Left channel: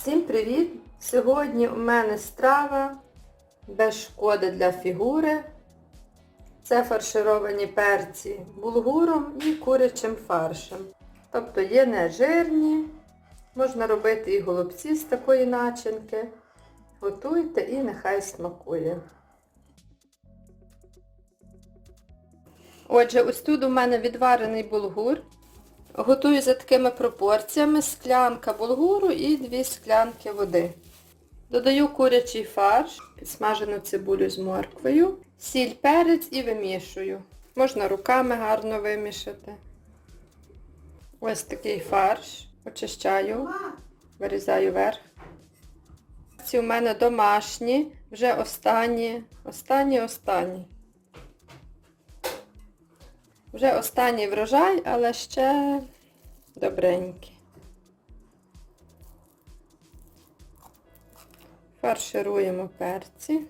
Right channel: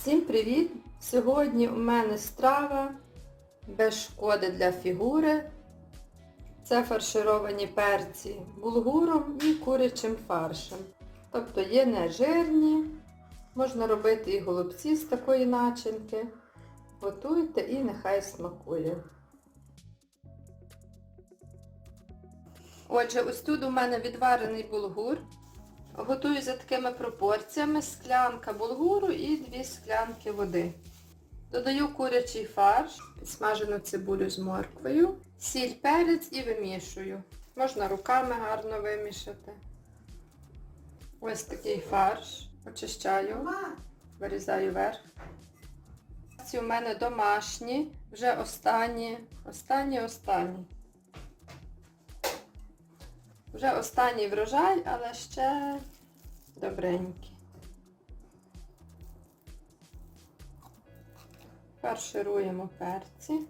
Всім привіт! Сьогодні у мене страва без шкоди для фігури. Це фаршировані перці булгуром і курячим фаршем. Тобто є нежирні, можна робити і голубці з такої начинки. Готуйте і нехай смакує. Отже, ось тут у мене відварений булгур. Готую за такими пропорціями склянка булгуру і 2 склянки води. Додаю курячий фарш, підсмажену цибулю з морквою, сіль, перець і вимішую. Можна руками гарно вимішати. Ось такий фарш. Очищаю, вирізаю верх. Ці у мене домашні, вже останні, останні, останні. Вже останній врожай, але ще добренький. Фаршируємо перці.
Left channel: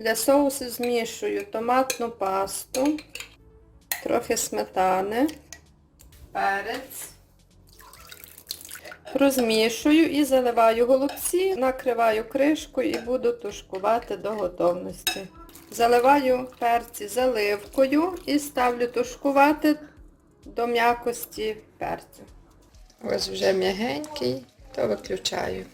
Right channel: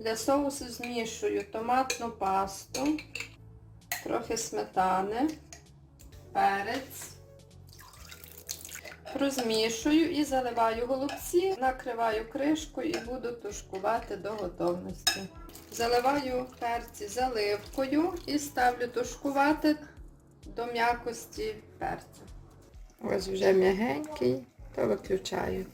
Для соусу змішую томатну пасту, трохи сметани, перець. Розмішую і заливаю голубці, накриваю кришкою і буду тушкувати до готовності. Заливаю перці заливкою і ставлю тушкувати до м'якості перцю. Ось вже м'ягенький, то виключаю.